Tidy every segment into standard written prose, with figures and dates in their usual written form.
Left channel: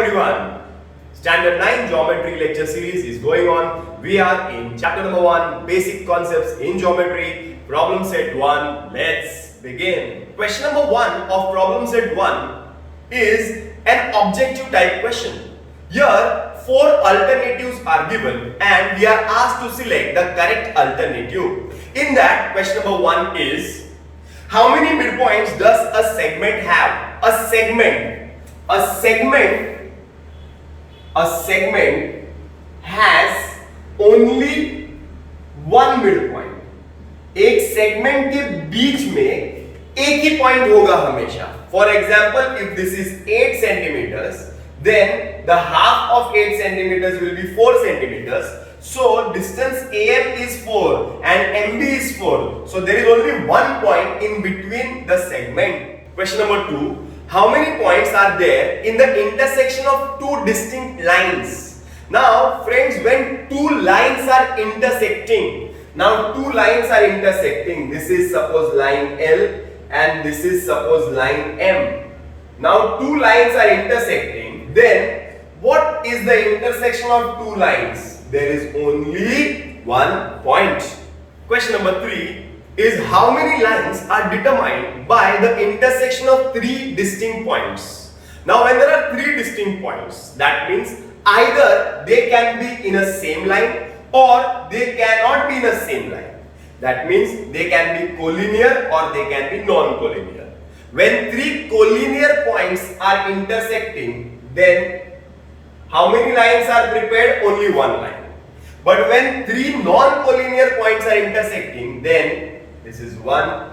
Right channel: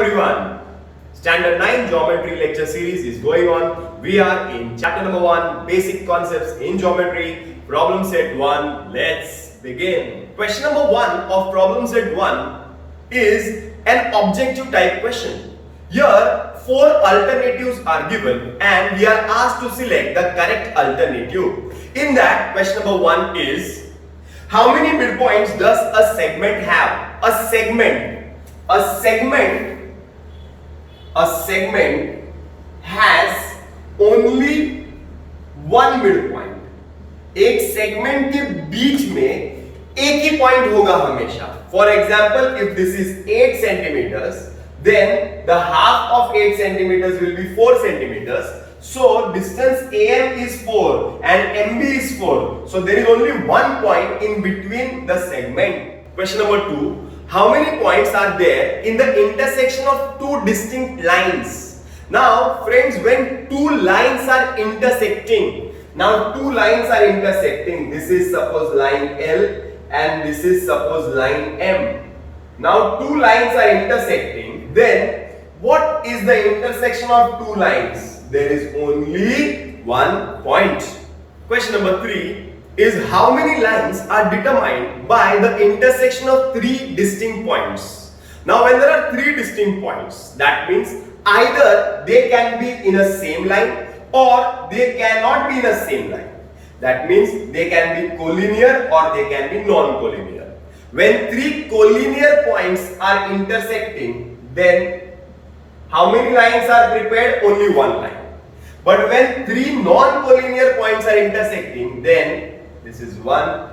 everyone. Standard 9 Geometry lecture series is going on. We are in chapter number 1, Basic Concepts in Geometry, problem set 1. Let's begin. Question number 1 of problem set 1 is an objective type question. Here 4 alternatives are given and we are asked to select the correct alternative. In that, question number 1 is, how many midpoints does a segment have? A segment has only one midpoint. एक segment के बीच में एक ही point होगा हमेशा. For example, if this is 8 centimeters, then the half of 8 centimeters will be 4 centimeters. So distance AM is 4 and MB is 4. So there is only one point in between the segment. Question number 2. How many points are there in the intersection of two distinct lines? Now friends, when two lines are intersecting, this is suppose line L and this is suppose line M. Now two lines are intersecting, then what is the intersection of two lines? There is only one point. Question number 3 is, how many lines are determined by the intersection of 3 distinct points? Now when there are 3 distinct points, that means either they can be in a same line or they cannot be in a same line. That means they can be collinear or they can be non-collinear. When 3 collinear points are intersecting, then how many lines are prepared? Only one line. But when 3 non-collinear points are intersecting, then this is 1,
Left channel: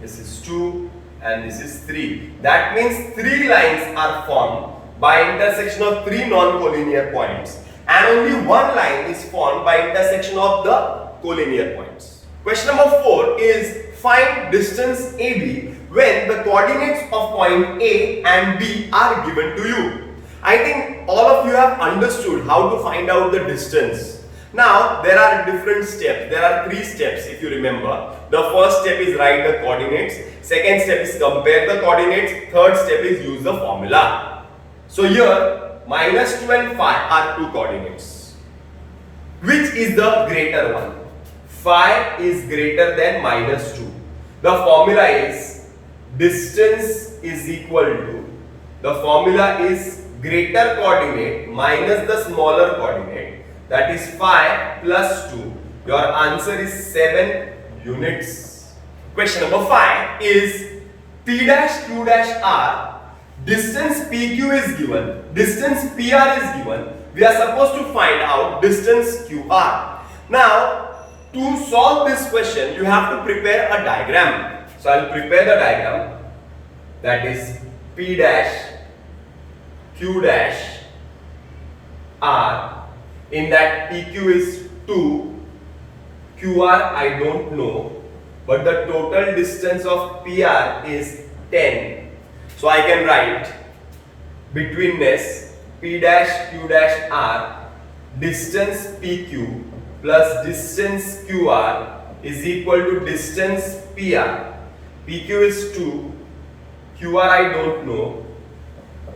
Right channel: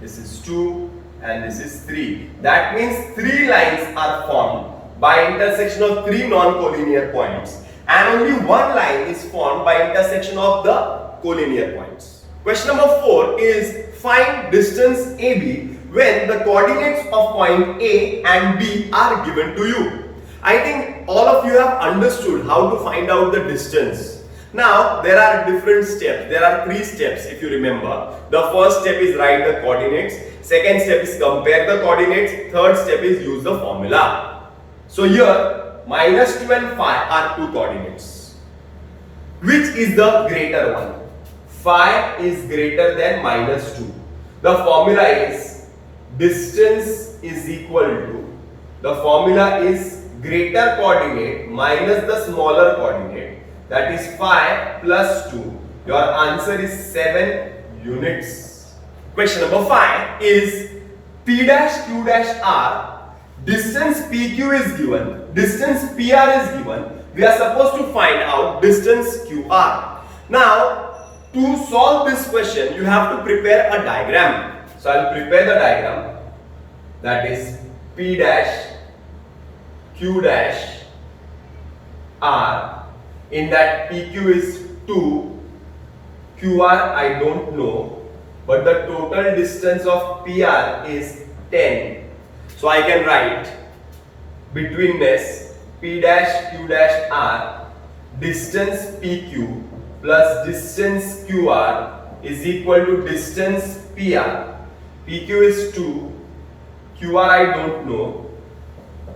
this is 2 and this is 3. That means 3 lines are formed by intersection of 3 non-collinear points and only one line is formed by intersection of the collinear points. Question number 4 is, find distance AB when the coordinates of point A and B are given to you. I think all of you have understood how to find out the distance. Now there are different steps. There are 3 steps if you remember. The first step is write the coordinates. Second step is compare the coordinates. Third step is use the formula. So here -2 and 5 are 2 coordinates. Which is the greater one? 5 is greater than -2. The formula is distance is equal to, the formula is greater coordinate minus the smaller coordinate. That is 5 plus 2. Your answer is 7 units. Question number 5 is, P dash Q dash R, distance PQ is given, distance PR is given. We are supposed to find out distance QR. Now, to solve this question, you have to prepare a diagram. So, I will prepare the diagram. That is P dash Q dash R. In that PQ is 2, QR I don't know, but the total distance of PR is 10. So I can write betweenness P dash Q dash R, distance PQ plus distance QR is equal to distance PR. PQ is 2, QR I don't know,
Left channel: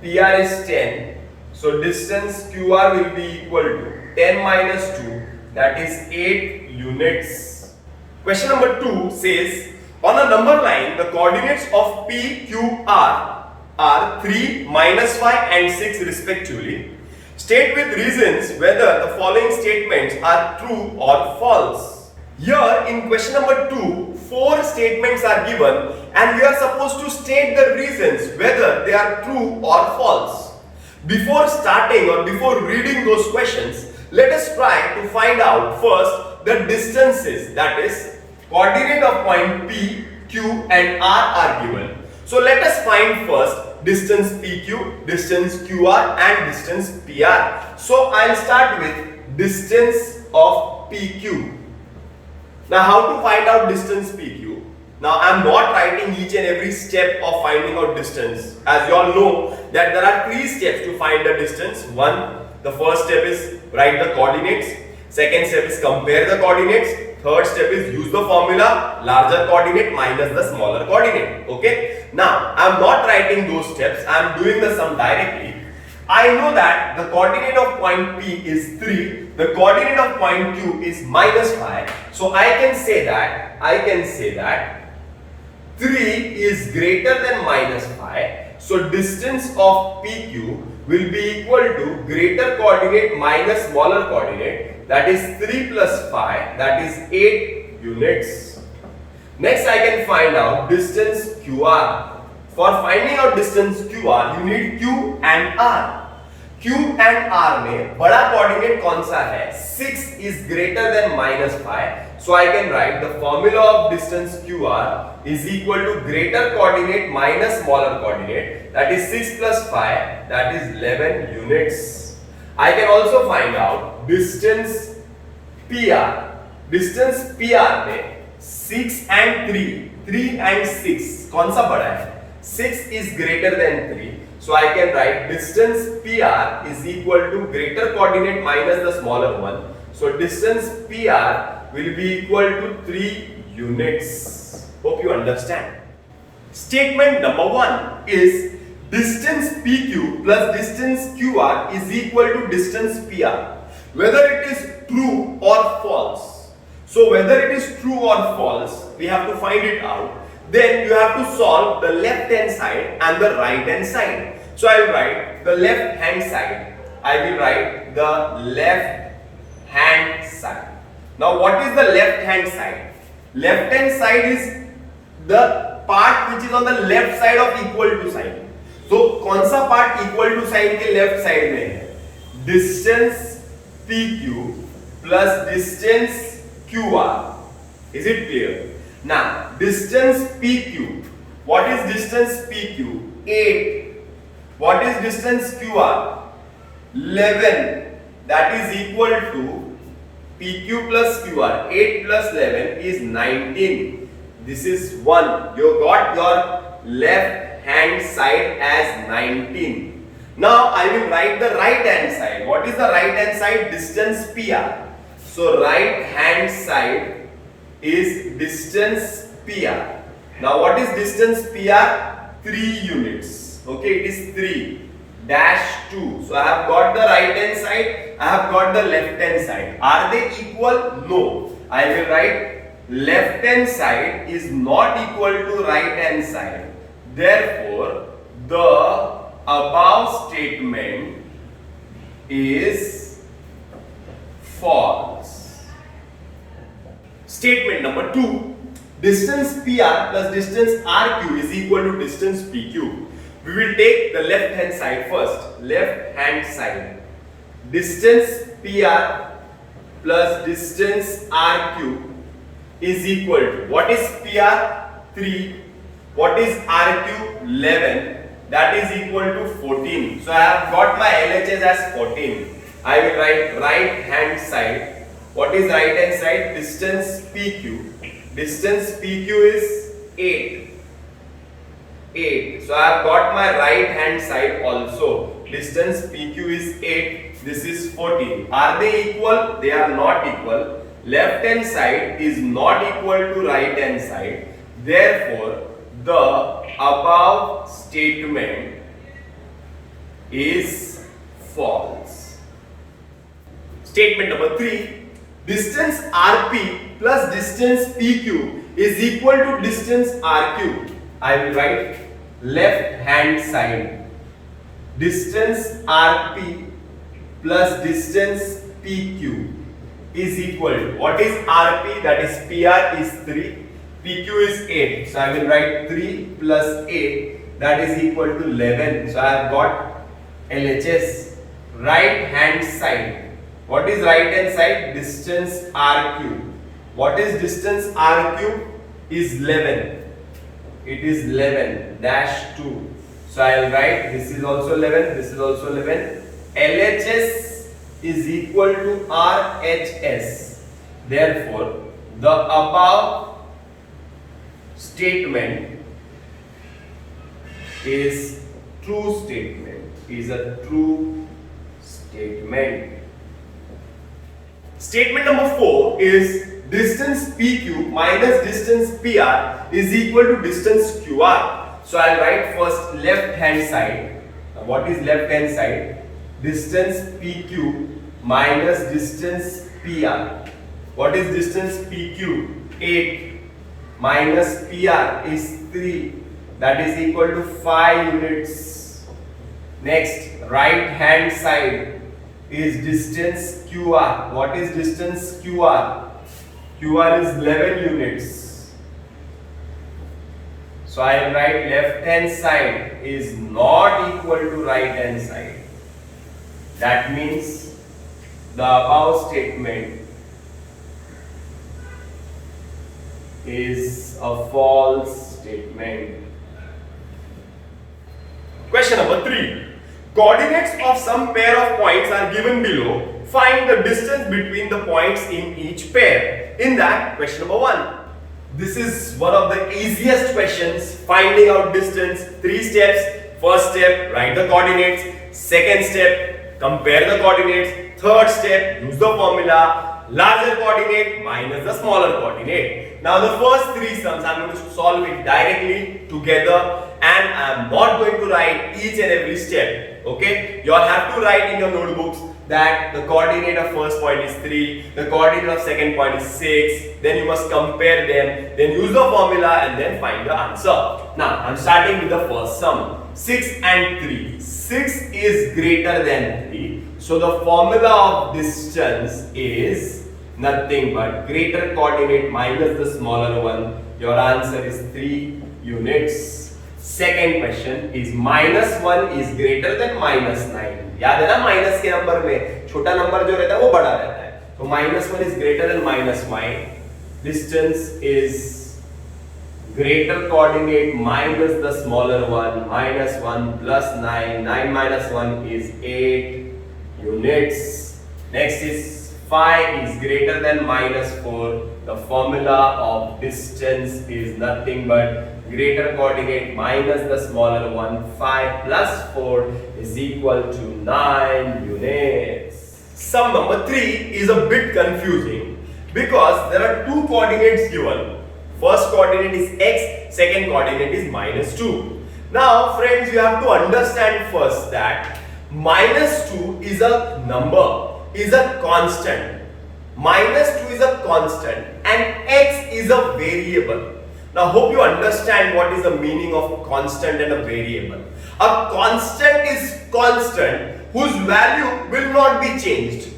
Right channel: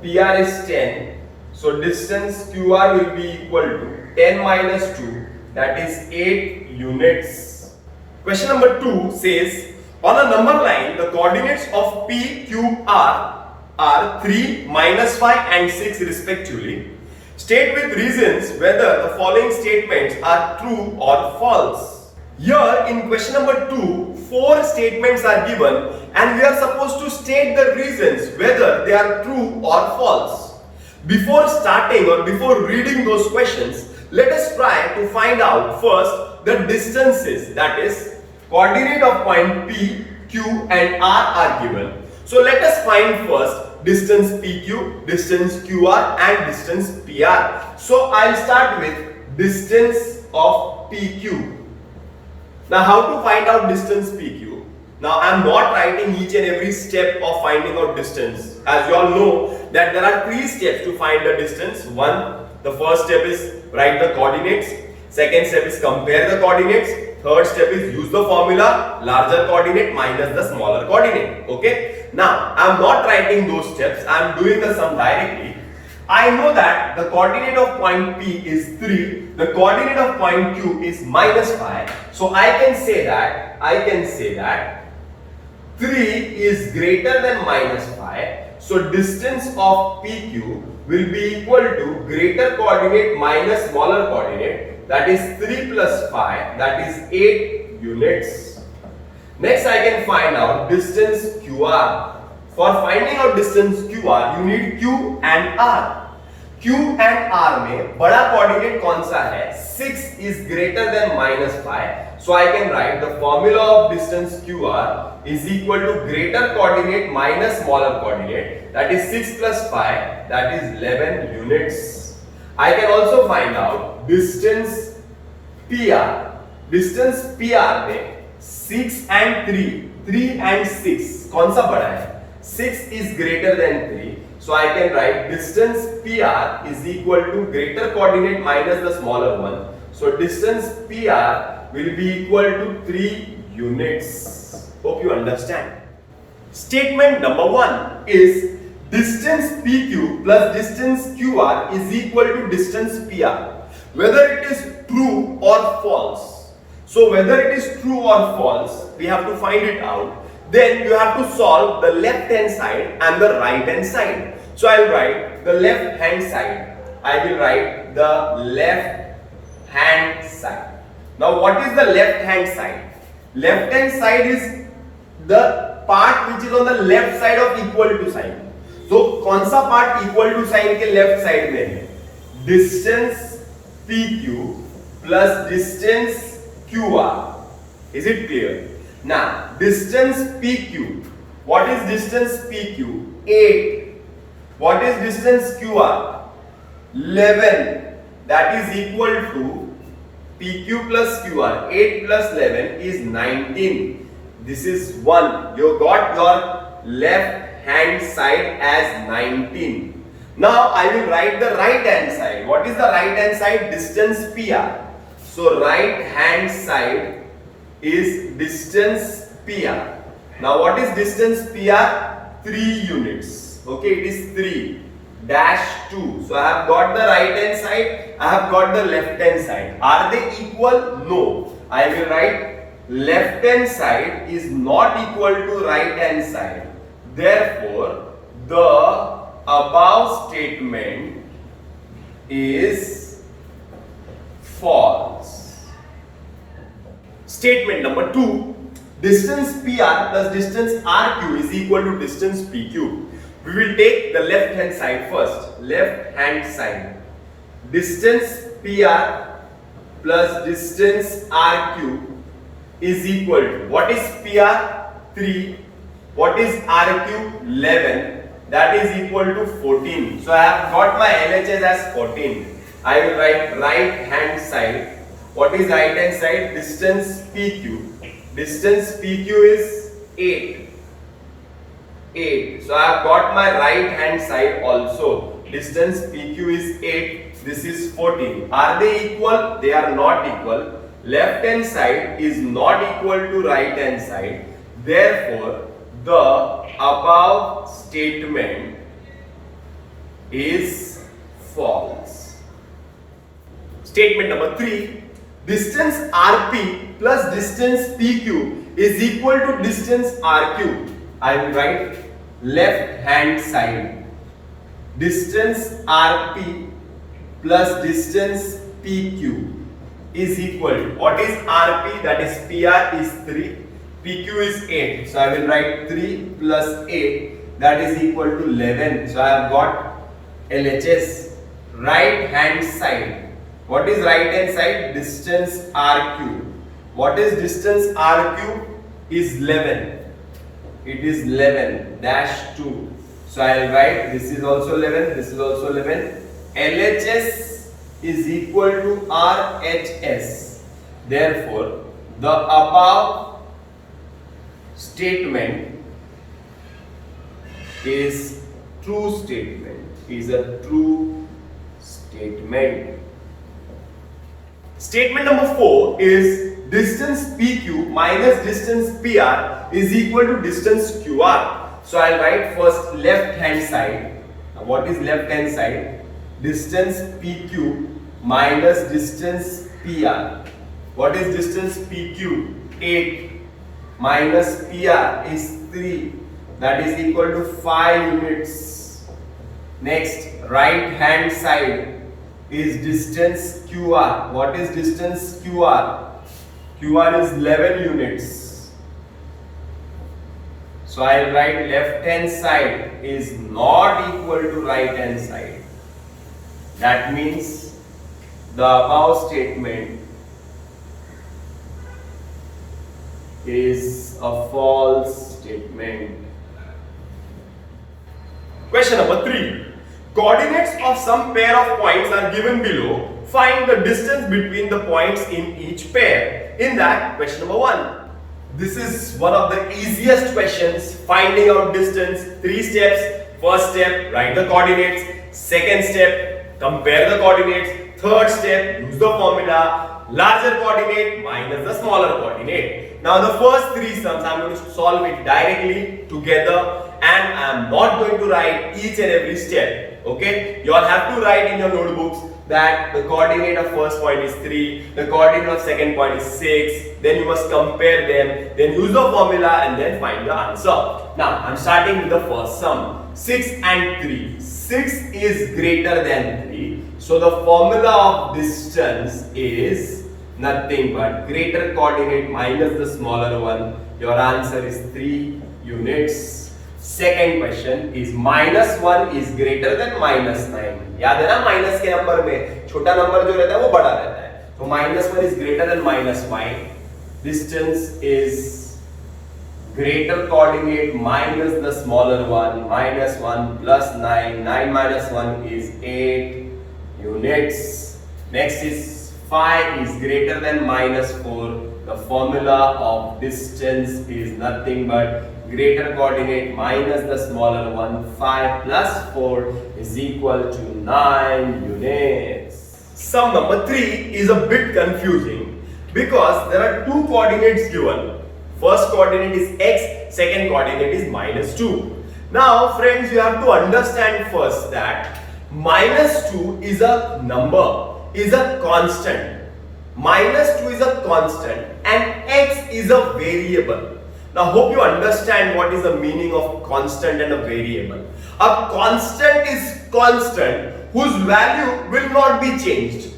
PR is 10. So distance QR will be equal to 10 minus 2, that is 8 units. Question number 2 says, on a number line, the coordinates of P, Q, R are 3, -5 and 6 respectively. State with reasons whether the following statements are true or false. Here in question number 2, 4 statements are given and we are supposed to state the reasons whether they are true or false. Before starting or before reading those questions, let us try to find out first the distances, that is coordinate of point P, Q and R are given. So let us find first distance PQ, distance QR and distance PR. So I'll start with distance of PQ. Now how to find out distance PQ? Now I am not writing each and every step of finding out distance. As you all know that there are 3 steps to find the distance. The first step is write the coordinates. Second step is compare the coordinates. Third step is use the formula, larger coordinate minus the smaller coordinate. Okay. Now I am not writing those steps. I am doing the sum directly. I know that the coordinate of point P is 3, the coordinate of point Q is -5. So I can say that 3 is greater than -5. So distance of PQ will be equal to greater coordinate minus smaller coordinate, that is 3 plus 5, that is 8 units. Next I can find out distance QR. For finding out distance QR, you need Q and R. Q and R में बड़ा coordinate कौन सा है? 6 is greater than -5. So I can write the formula of distance QR is equal to greater coordinate minus smaller coordinate, that is 6 plus 5, that is 11 units. I can also find out distance PR. Distance PR में 6 and 3 and 6 कौन सा बड़ा है? 6 is greater than 3. So I can write distance PR is equal to greater coordinate minus the smaller one. So distance PR will be equal to 3 units. Hope you understand. Statement number 1 is distance PQ plus distance QR is equal to distance PR. Whether it is true or false. So whether it is true or false, we have to find it out. Then you have to solve the left hand side and the right hand side. So I will write the left hand side. I will write the left hand side. Now what is the left hand side? Left hand side is the part which is on the left side of equal to sign. So कौन सा part equal to sign के left side में है? Distance PQ plus distance QR. Is it clear? Now distance PQ. What is distance PQ? 8. What is distance QR? 11. That is equal to PQ plus QR. 8 plus 11 is 19. This is 1. You got your left hand side as 19. Now I will write the right hand side. What is the right hand side? Distance PR. So right hand side is distance PR. Now what is distance PR? 3 units. Okay, it is 3 dash 2. So I have got the right hand side, I have got the left hand side. Are they equal? No. I will write left hand side is not equal to right hand side. Therefore, the above statement is false. Statement number 2. Distance PR plus distance RQ is equal to distance PQ. We will take the left hand side first. Left hand side. Distance PR plus distance RQ is equal to, what is PR? 3. What is RQ? 11. That is equal to 14. So I have got my LHS as 14. I will write right hand side. What is right hand side? Distance PQ. Distance PQ is 8. 8. So I have got my right hand side also. Distance PQ is 8. This is 14. Are they equal? They are not equal. Left hand side is not equal to right hand side. Therefore, the above statement is false. Statement number 3. Distance RP plus distance PQ is equal to distance RQ. I will write left hand side. Distance RP plus distance PQ is equal to, what is RP? That is PR is 3. PQ is 8. So I will write 3 plus 8, that is equal to 11. So I have got LHS. Right hand side. What is right hand side? Distance RQ. What is distance RQ? Is 11. It is 11 dash 2. So I will write this is also 11, this is also 11. LHS is equal to RHS. Therefore, the above statement is true statement. Is a true statement. Statement number 4 is distance PQ minus distance PR is equal to distance QR. So I'll write first left hand side. Now what is left hand side? distance PQ minus distance PR. What is distance PQ? 8 minus PR is 3. That is equal to 5 units. Next, right hand side is distance QR. What is distance QR? QR is 11 units. So I will write left hand side is not equal to right hand side. That means the above statement is a false statement. Question number 3. Coordinates of some pair of points are given below. Find the distance between the points in each pair. In that, question number 1. This is one of the easiest questions. Finding out distance. 3 steps. First step, write the coordinates. Second step, compare the coordinates. Third step, use the formula. Larger coordinate minus the smaller coordinate. Now the first 3 sums, I am going to solve it directly together. And I am not going to write each and every step. Okay, you all have to write in your notebooks that the coordinate of first point is 3, the coordinate of second point is 6, then you must compare them, then use the formula and then find the answer. Now I am starting with the first sum. 6 and 3. 6 is greater than 3. So the formula of distance is nothing but greater coordinate minus the smaller one. Your answer is 3 units. Second question is -1 is greater than -9. याद है ना minus के number में छोटा number जो रहता है वो बड़ा रहता है, तो -1 is greater than -9. Distance is greater coordinate minus the smaller one. -1 plus 9. 9 minus 1 is 8 units. Next is 5 is greater than -4. The formula of distance is nothing but greater coordinate minus the smaller one. 5 plus 4 is equal to 9 units. Sum number 3 is a bit confusing because there are 2 coordinates given. First coordinate is x, second coordinate is -2. Now friends, you have to understand first that -2 is a number, is a constant. -2 is a constant and x is a variable. Now hope you understand what is the meaning of constant and a variable. A constant is constant whose value will not be changed.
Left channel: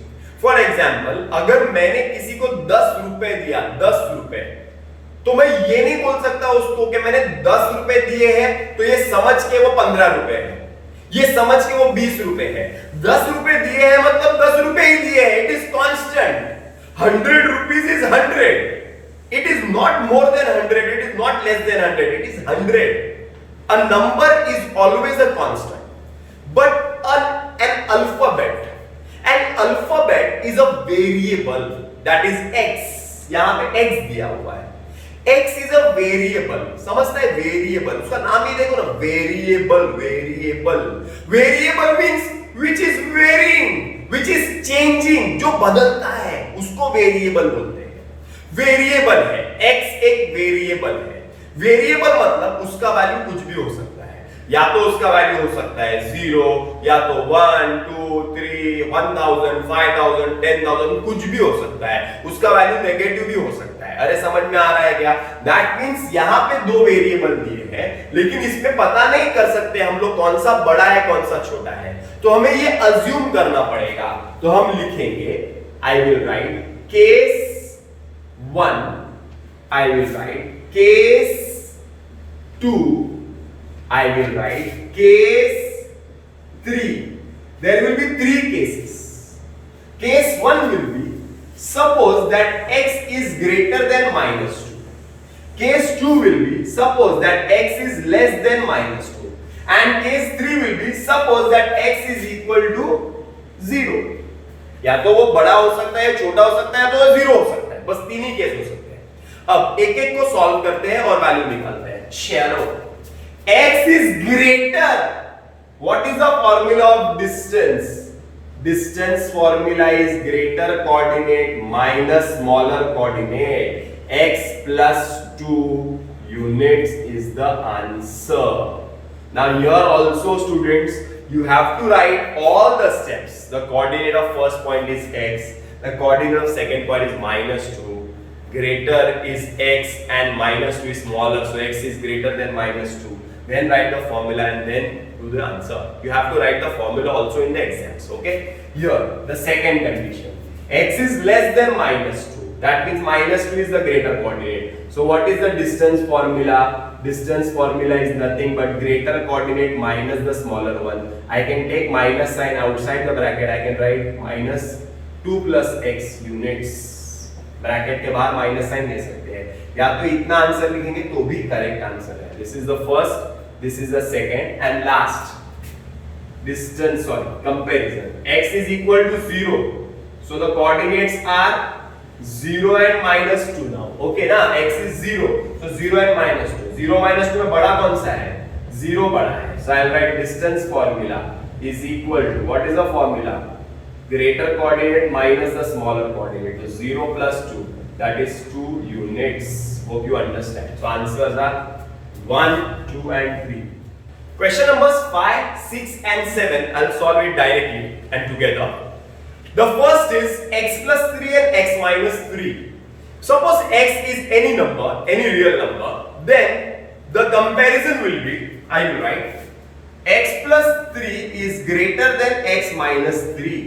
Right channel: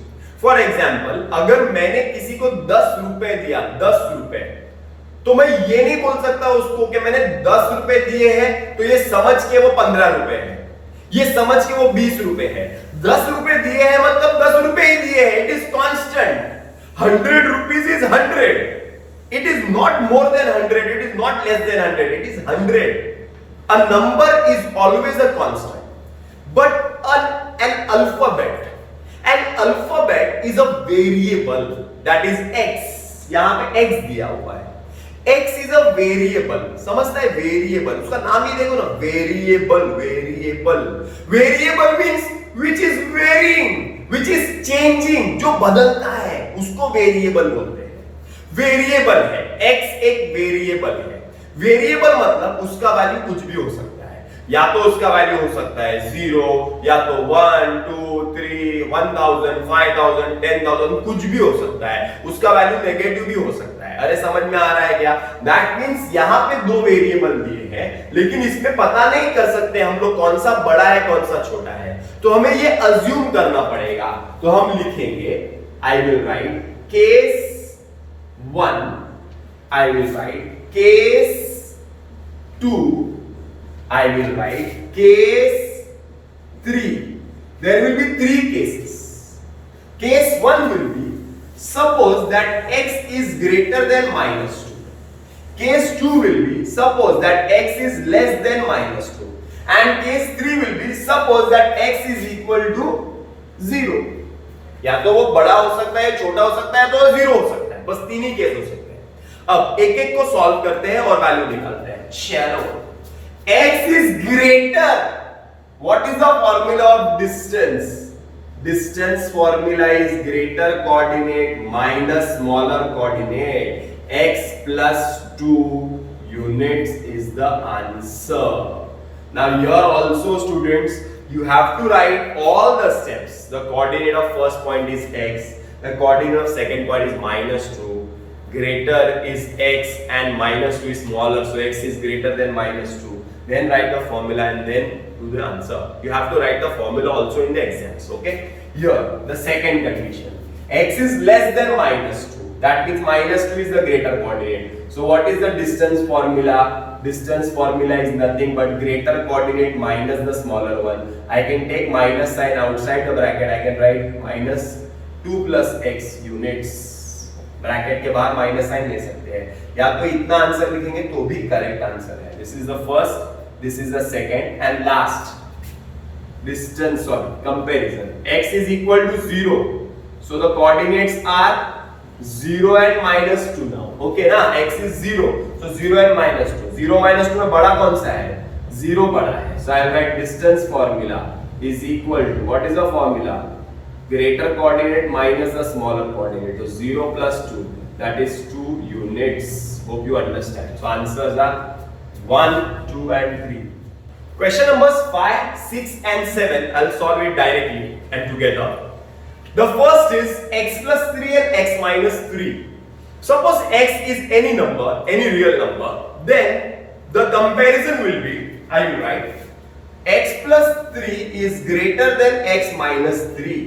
For example, अगर मैंने किसी को 10 रुपए दिया, 10 रुपए, तो मैं ये नहीं बोल सकता उसको कि मैंने 10 रुपए दिए हैं तो ये समझ के वो 15 रुपए है, ये समझ के वो 20 रुपए है। 10 रुपए दिए हैं मतलब 10 रुपए ही दिए हैं। It is constant. 100 rupees is 100. It is not more than 100. It is not less than 100. It is 100. A number is always a constant. But an alphabet is a variable. That is x. यहाँ पे x दिया हुआ है. X is a variable. समझता है variable? उसका नाम ही देखो ना, variable. Variable means which is varying, which is changing, जो बदलता है, उसको variable बोलते हैं। वेरिएबल है, x एक वेरिएबल है। वेरिएबल मतलब उसका वैल्यू कुछ भी हो सकता है, या तो उसका वैल्यू हो सकता है 0, या तो 1, 2, 3, 1000, 5000, 10,000, कुछ भी हो सकता है। उसका वैल्यू नेगेटिव भी हो सकता है। अरे समझ में आ रहा है क्या? दैट मींस यहाँ पे 2 वेरिएबल दिए हैं, लेकिन इसमें पता नहीं कर सकते हम लोग कौन सा बड़ा है कौन सा छोटा है, तो हमें ये अज्यूम करना पड़ेगा। तो हम लिखेंगे, I will write case 1, I will write case 2, I will write case 3. There will be 3 cases. Case 1 will be, suppose that x is greater than -2. Case 2 will be, suppose that x is less than -2. And case 3 will be, suppose that x is equal to 0. या तो वो बड़ा हो सकता है, छोटा हो सकता है, तो 0 हो सकता है। बस 3 ही केस हो सकते हैं। अब एक एक को सॉल्व करते हैं और वैल्यू निकालते हैं। चलो, x is greater. What is the formula of distance? Distance formula is greater coordinate minus smaller coordinate. X plus 2 units is the answer. Now here also students, you have to write all the steps. The coordinate of first point is x, the coordinate of second point is -2, greater is x and -2 is smaller, so x is greater than -2. Then write the formula and then do the answer. You have to write the formula also in the exams, okay? Here, the second condition, x is less than -2. That means -2 is the greater coordinate. So what is the distance formula? Distance formula is nothing but greater coordinate minus the smaller one. I can take minus sign outside the bracket. I can write -2 plus x units. Bracket के बाहर minus sign ले सकते हैं, या तो इतना answer लिखेंगे तो भी करेक्ट आंसर है. This is the first, this is the second and last distance comparison. x is equal to 0, so the coordinates are 0 and -2 now. Okay ना, x is 0, so 0 and -2. 0 -2 में बड़ा कौन सा है? 0 बड़ा है. So I will write distance formula is equal to, what is the formula? Greater coordinate minus the smaller coordinate. So 0 plus 2, that is 2 units. Hope you understand. So answers are 1, 2 and 3. Question numbers 5, 6 and 7. I'll solve it directly and together. The first is x plus 3 and x minus 3. Suppose x is any number, any real number, then the comparison will be, I will write x plus 3 is greater than x minus 3.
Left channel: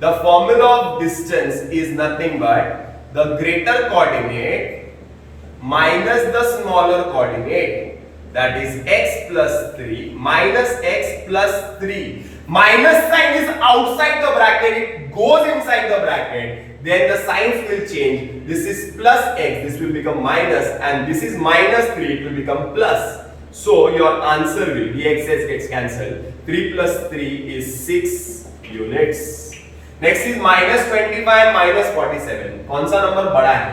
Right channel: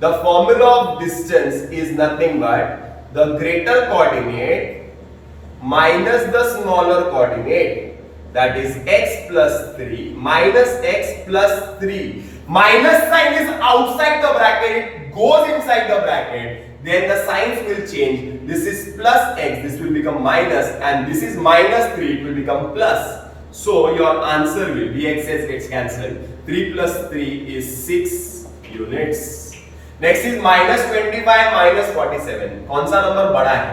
The formula of distance is nothing but the greater coordinate minus the smaller coordinate, that is x plus 3 minus x plus 3. Minus sign is outside the bracket, it goes inside the bracket, then the signs will change. This is plus x, this will become minus, and this is minus 3, it will become plus. So your answer will be, x gets cancelled. 3 plus 3 is 6 units. Next is -25 -47. कौन सा number बड़ा है?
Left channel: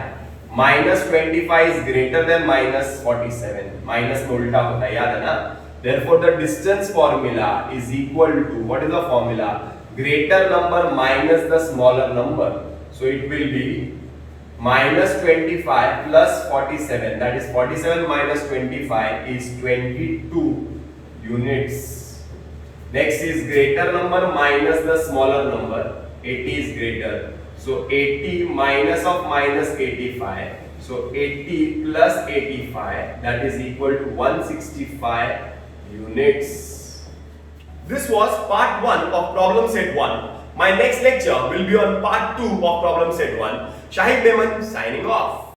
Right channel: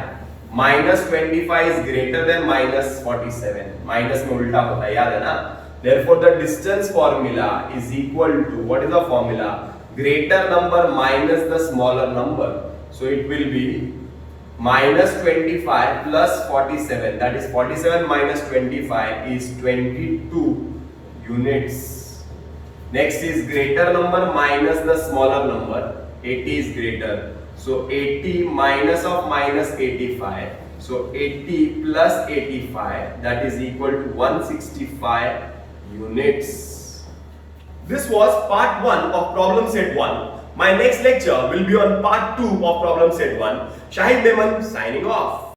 -25 is greater than -47. Minus में उल्टा होता है, याद है ना? Therefore the distance formula is equal to, what is the formula? Greater number minus the smaller number. So it will be -25 plus 47. That is 47 minus 25 is 22 units. Next is greater number minus the smaller number. 80 is greater, so 80 minus of minus 85, so 80 plus 85, that is equal to 165 units. This was part 1 of problem set 1. My next lecture will be on part 2 of problem set 1. Shahid Beman signing off.